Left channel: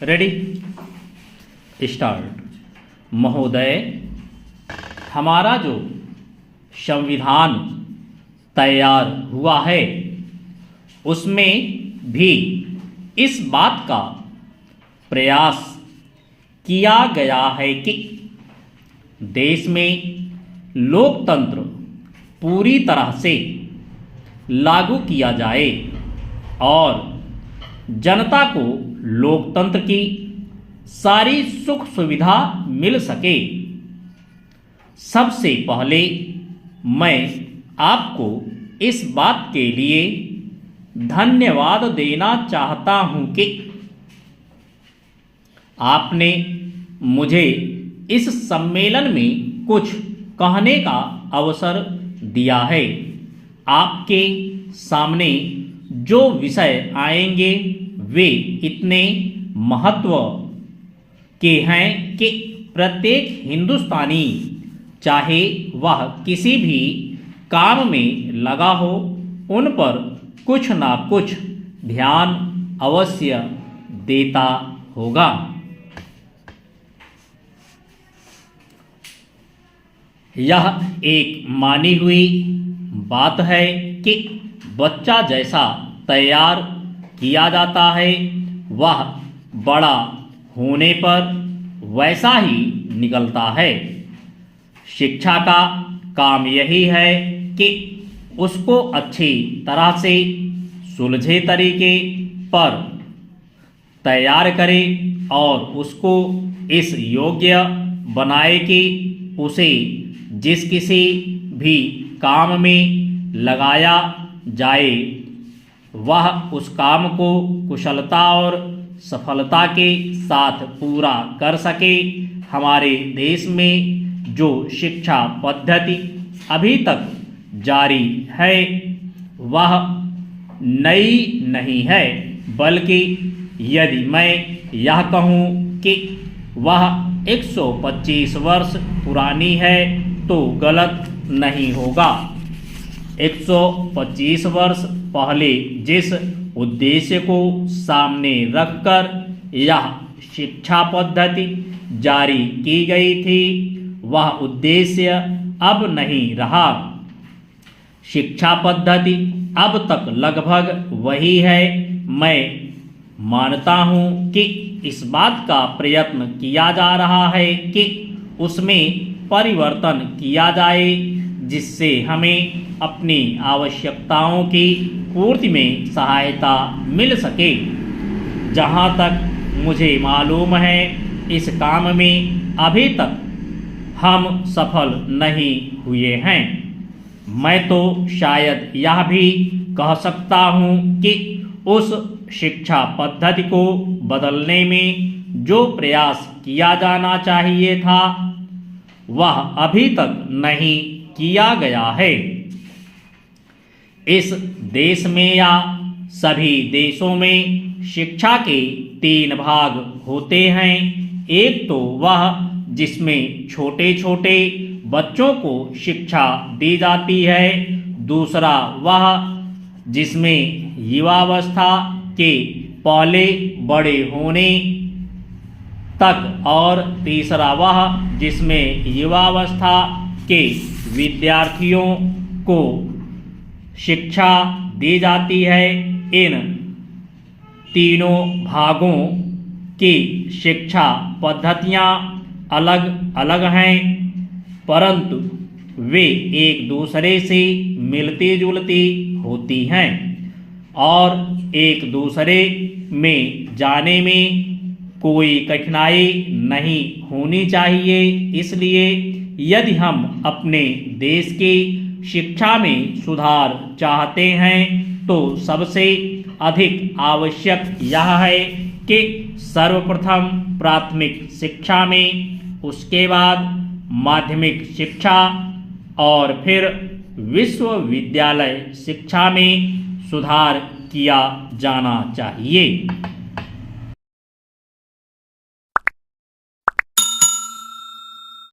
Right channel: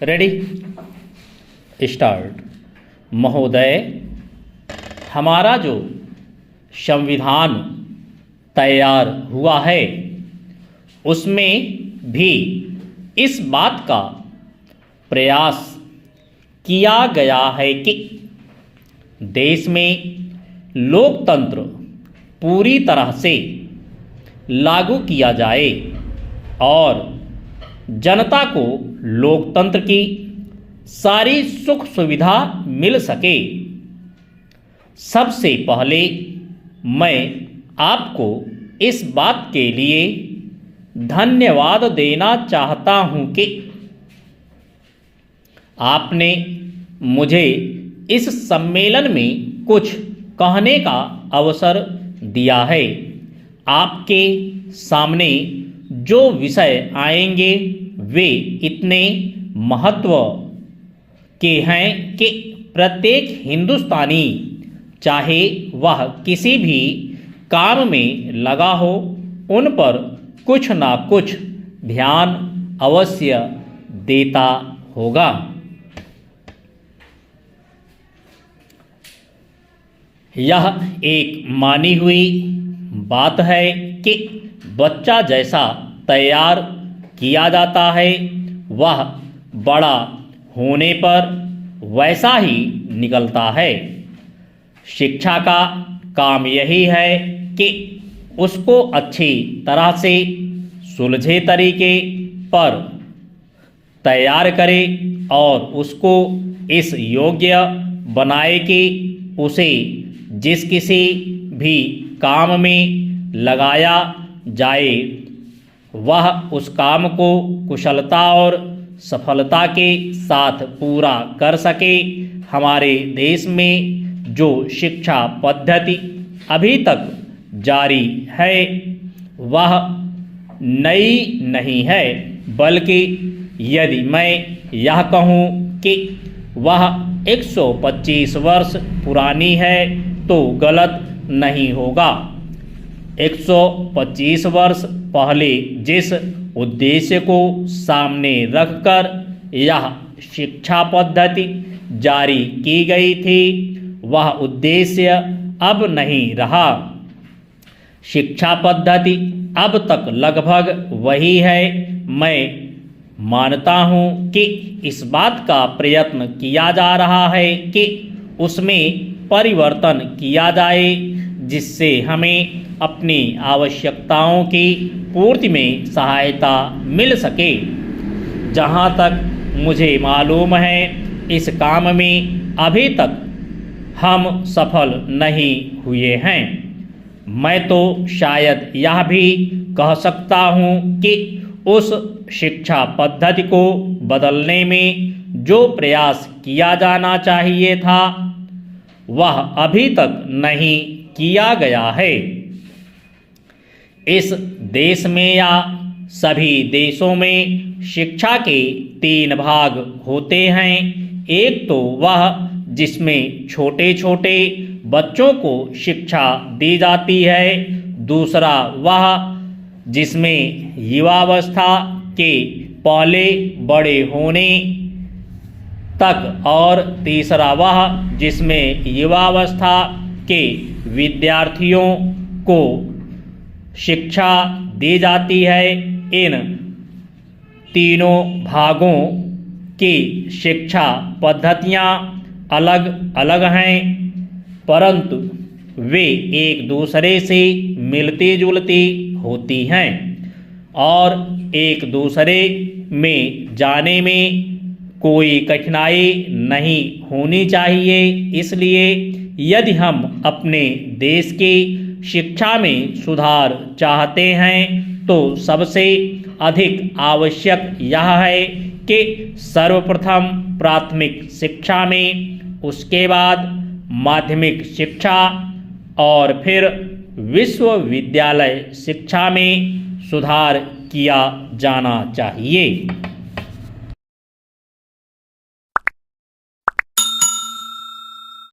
Ready start. महोदय, हमारा जो संविधान तैयार हुआ है उसमें भी इस बात का प्रयास किया गया है कि देश में लोकतंत्र पूरी तरह से लागू किया जाए और जनता को लोकतंत्र की सारी सुख सुविधा मिल सके। सबसे पहले मैं आपको इस बात के लिए धन्यवाद देना चाहता हूं कि आपने मुझे इस सम्मेलन में कुछ कहने का अवसर दिया है। आपके सामने जो विषय आएंगे वे इतने महत्व के हैं कि प्रत्येक हिंदुस्तानी, चाहे वह किसी भी काम में लगा हो, उन पर कुछ ना कुछ ध्यान अवश्य देता होगा। यह एक मानी हुई बात है कि बच्चा जैसा तैयार किया जाता है वह बड़ा होने पर वैसा ही निकलता है। शिक्षा का काम यही है कि उसको अच्छी तरह से सुलझे तरीके पर तैयार करे और उसको इस योग्य बनाए कि उसे जिस किसी भी काम में लगाया जाए वह उस काम को कुशलता और सफलता के साथ पूरा कर सके। हमारे देश में जो शिक्षा पद्धति अभी तक जारी है वह नई नहीं है, बल्कि यदि मैं यह कहूँ कि वह 125 वर्ष पुरानी है तो गलत नहीं होगा। 125 वर्ष पहले जिस उद्देश्य को सामने रखकर यह शिक्षा पद्धति जारी की गई थी वह उद्देश्य अब नहीं रहा। शिक्षा पद्धति अब तक लगभग वही है। मैं मानता हूँ कि इस बात का प्रयत्न किया जा रहा है कि उसमें परिवर्तन किया जाए जिससे हमें अपनी आवश्यकताओं की पूर्ति में सहायता मिल सके। जहाँ तक मुझे मालूम है इस काम में अभी तक हम सफल नहीं हुए हैं। मैं तो शायद यह भी कह सकता हूँ कि उस शिक्षा पद्धति को बदलने में जो प्रयास किया जाना चाहिए था वह अभी तक नहीं किया गया है। इस देश में या सभी देशों में शिक्षा के 3 भाग होते हैं। एक तो वह जिसमें छोटे छोटे बच्चों को शिक्षा दी जाती है, दूसरा वह जिसमें युवावस्था के पहले बड़े होने तक और तीसरा वह जिसमें युवावस्था के विद्यार्थियों को शिक्षा दी जाती है। इन तीनों भागों की शिक्षा पद्धतियाँ अलग अलग हैं परंतु वे एक दूसरे से मिलती जुलती होती हैं और एक दूसरे में जाने में कोई कठिनाई नहीं होनी चाहिए। इसलिए यदि हम अपने देश की शिक्षा में सुधार चाहते हैं तो सबसे अधिक आवश्यक यह है कि सर्वप्रथम प्राथमिक शिक्षा में, उसके बाद माध्यमिक शिक्षा और फिर विश्वविद्यालय शिक्षा में सुधार किया जाना चाहिए।